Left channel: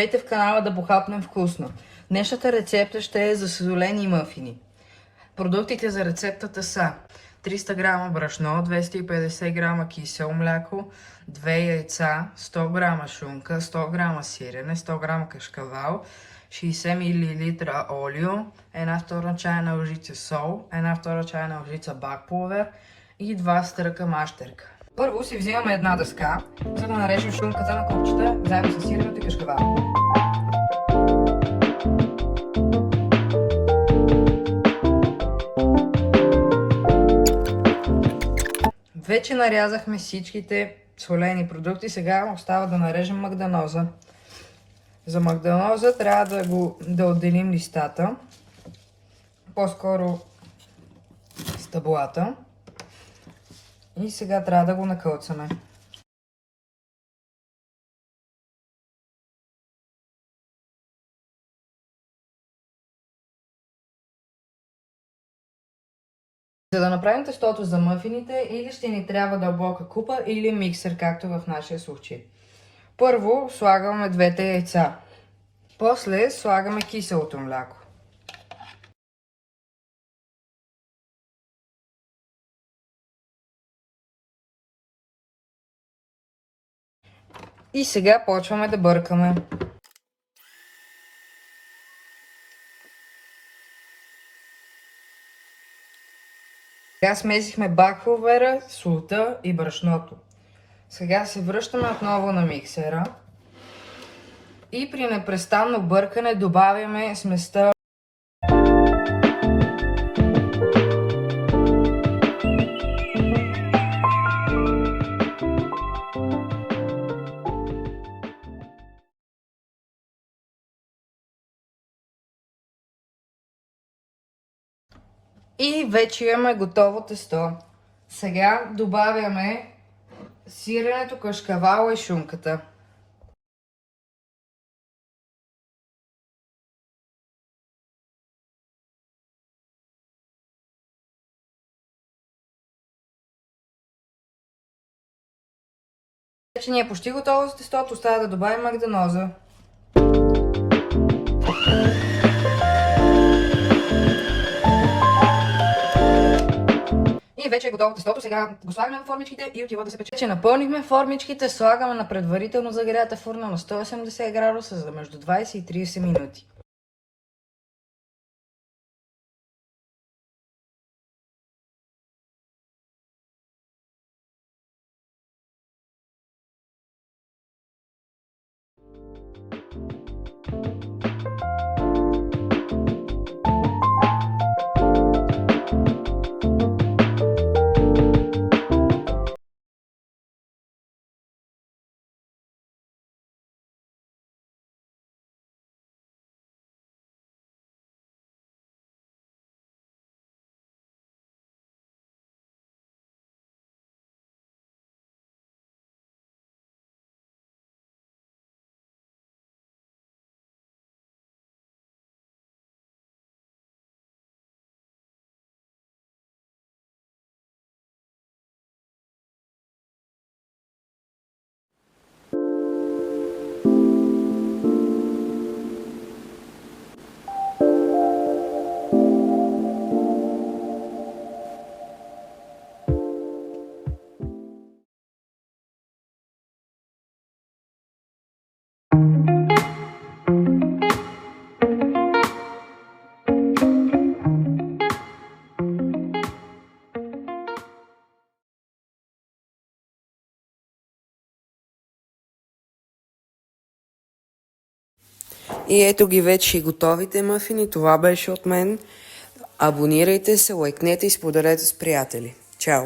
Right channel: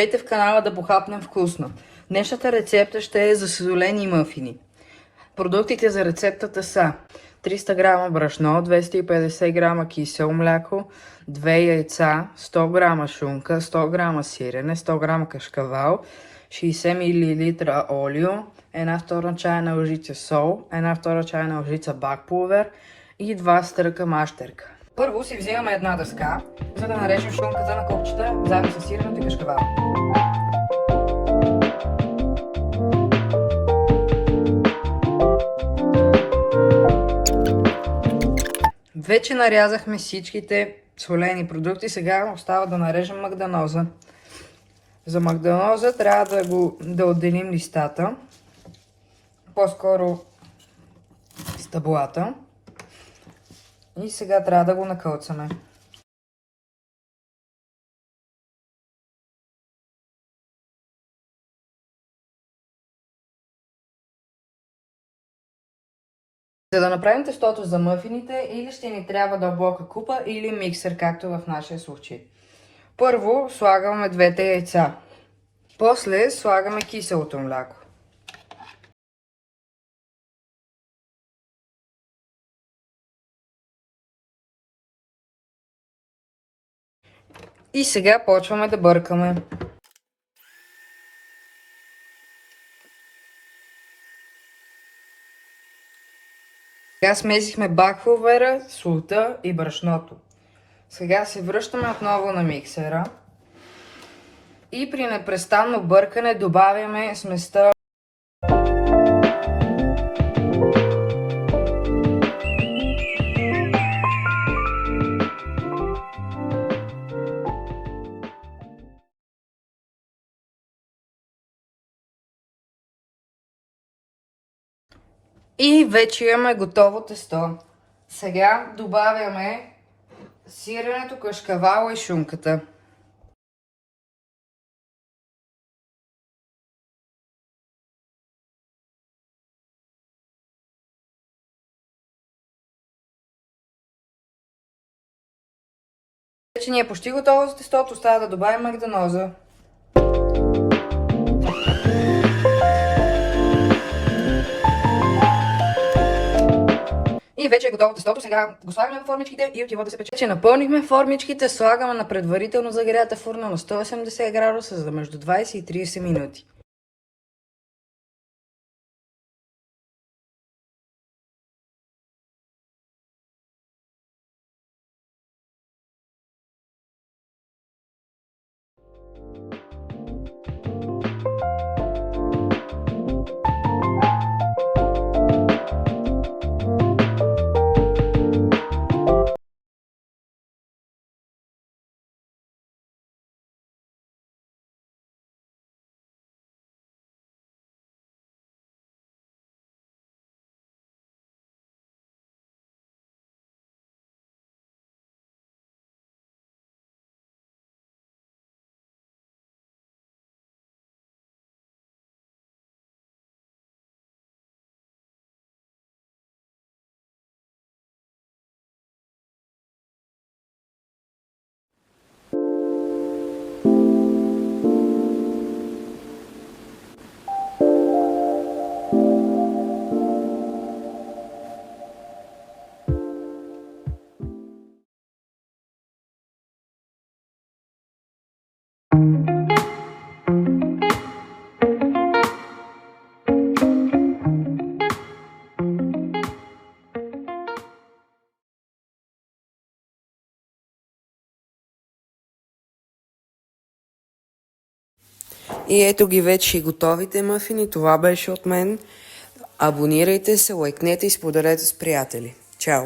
Здравейте в канала Да похапнем вкусно. Днешната рецепта ще е за солени мъфини. Продуктите за рецептата са 300 грама брашно, 250 грама кисело мляко, 2 яйца, 100 грама шунка, 100 грама сирене, 100 грама кашкавал, 60 мл олио, 1/2 чайна лъжица сол, 1/2 чайна лъжица бак пулвер и 2 стърка мащерка. Първо си взимаме една дъска, за да нарежем шунката на копчета, заедно с сиренето и кашкавал. Вече нарязахме всичките солени продукти, сега остава да нарежем магданоза. За магданоза трябва да отделим листата, по-скоро стъблата. И сега трябва да го накълцаме. За да направим тестото за мъфините, или ще ни трябва дълбока купа, или миксер, както в нашия случай. Първо слагаме двете яйца. После слагаме киселото мляко. И сега почваме да бъркаме. Сега смесихме бак пулвера, солта и брашното. Сега се връщаме отново на миксера и при непрестанно бъркане добавяме сместа. И вече имаме готово тесто. Сега добавяме сиренето, кашкавала и шунката. Вече ни е почти готово за тестото, остава да добавим магданоза. И вече е готово тестото, сега го слагаме в формичките и отива да се пече. Вече напълнихме формичките, слагаме на предварително загрята фурна на 180 градуса за между 20 и 30 минути. И ето ги вече и готовите мъфини. Това беше от мен. Абонирайте се, лайкнете и споделете с приятели. Чао!